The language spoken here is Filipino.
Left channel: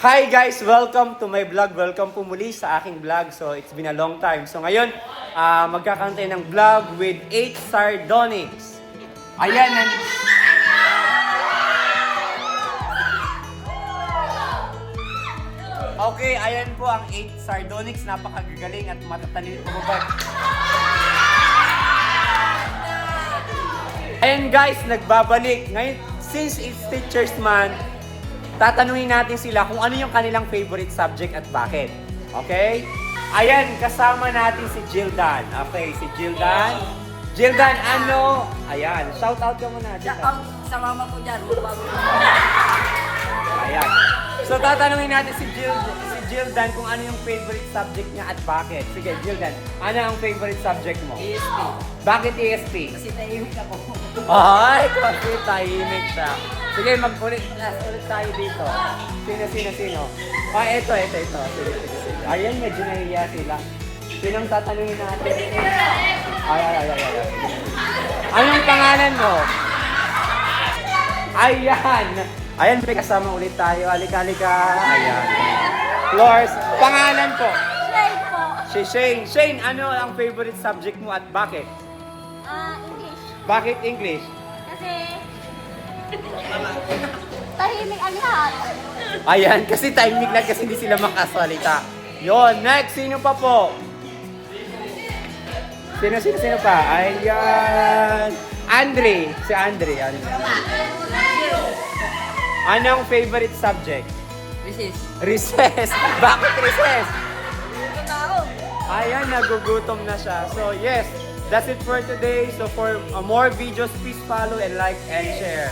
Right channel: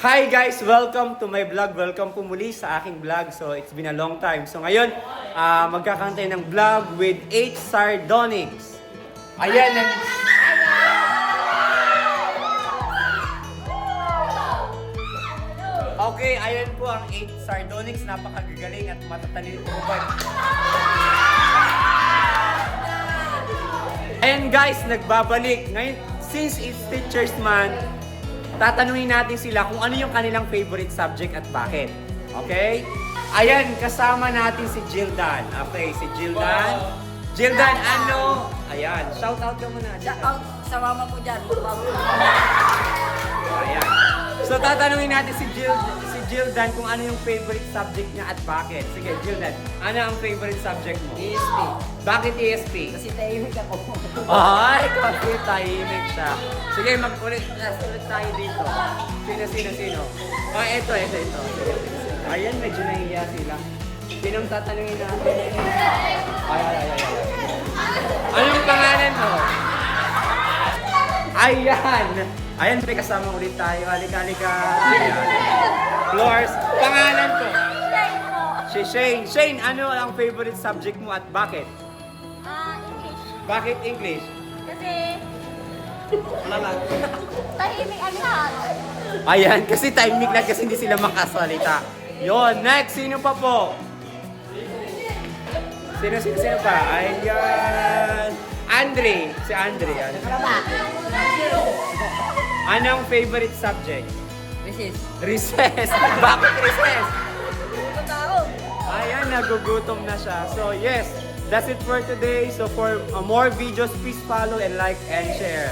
Hi guys! Welcome to my vlog. Welcome po muli sa aking vlog. So, it's been a long time. So, ngayon, magkakantay ng vlog with 8 Sardonics. Ayan. Okay, ayan po ang 8 Sardonics. Napakagagaling at matatalino po ba? Ayan guys, nagbabalik. Ngayon, since it's Teacher's Month, tatanungin natin sila kung ano yung kanilang favorite subject at bakit. Okay? Ayan, kasama natin si Jildan. Okay, si Jildan. Jildan, ano? Ayan, shout out naman na. Shout out sa mama ko dyan. Ayan. So, tatanungin natin si Jildan kung ano yung favorite subject niya at bakit. Sige, Jildan, ano ang favorite subject mo? ESP. Bakit ESP? Kasi tahimik ako. Ay, kasi tahimik siya. Sige, mag-ulit tayo dito. Sino? Ito. Ayan, medyo nahiya sila. Sinong tatanungin natin? Ay. Ano yung pangalan mo? Ayan, may kasama ulit tayo. Halika. Ayan. Flores, pangalan ko? Shade po. Si Shane. Shane, ano ang favorite subject mo at bakit? English. Bakit English? Kasi tahimik ang lahat. Ayan, kasi timing lang kasi hindi sila makasalita. Yon, next, sino pa po? Sino pa? Ayan. Si Andre. Anong favorite subject? Recess. Bakit recess? Gutom na ako. Ayan, nagugutom na siya. So yes, that's it for today. So for more videos, please follow and like and share.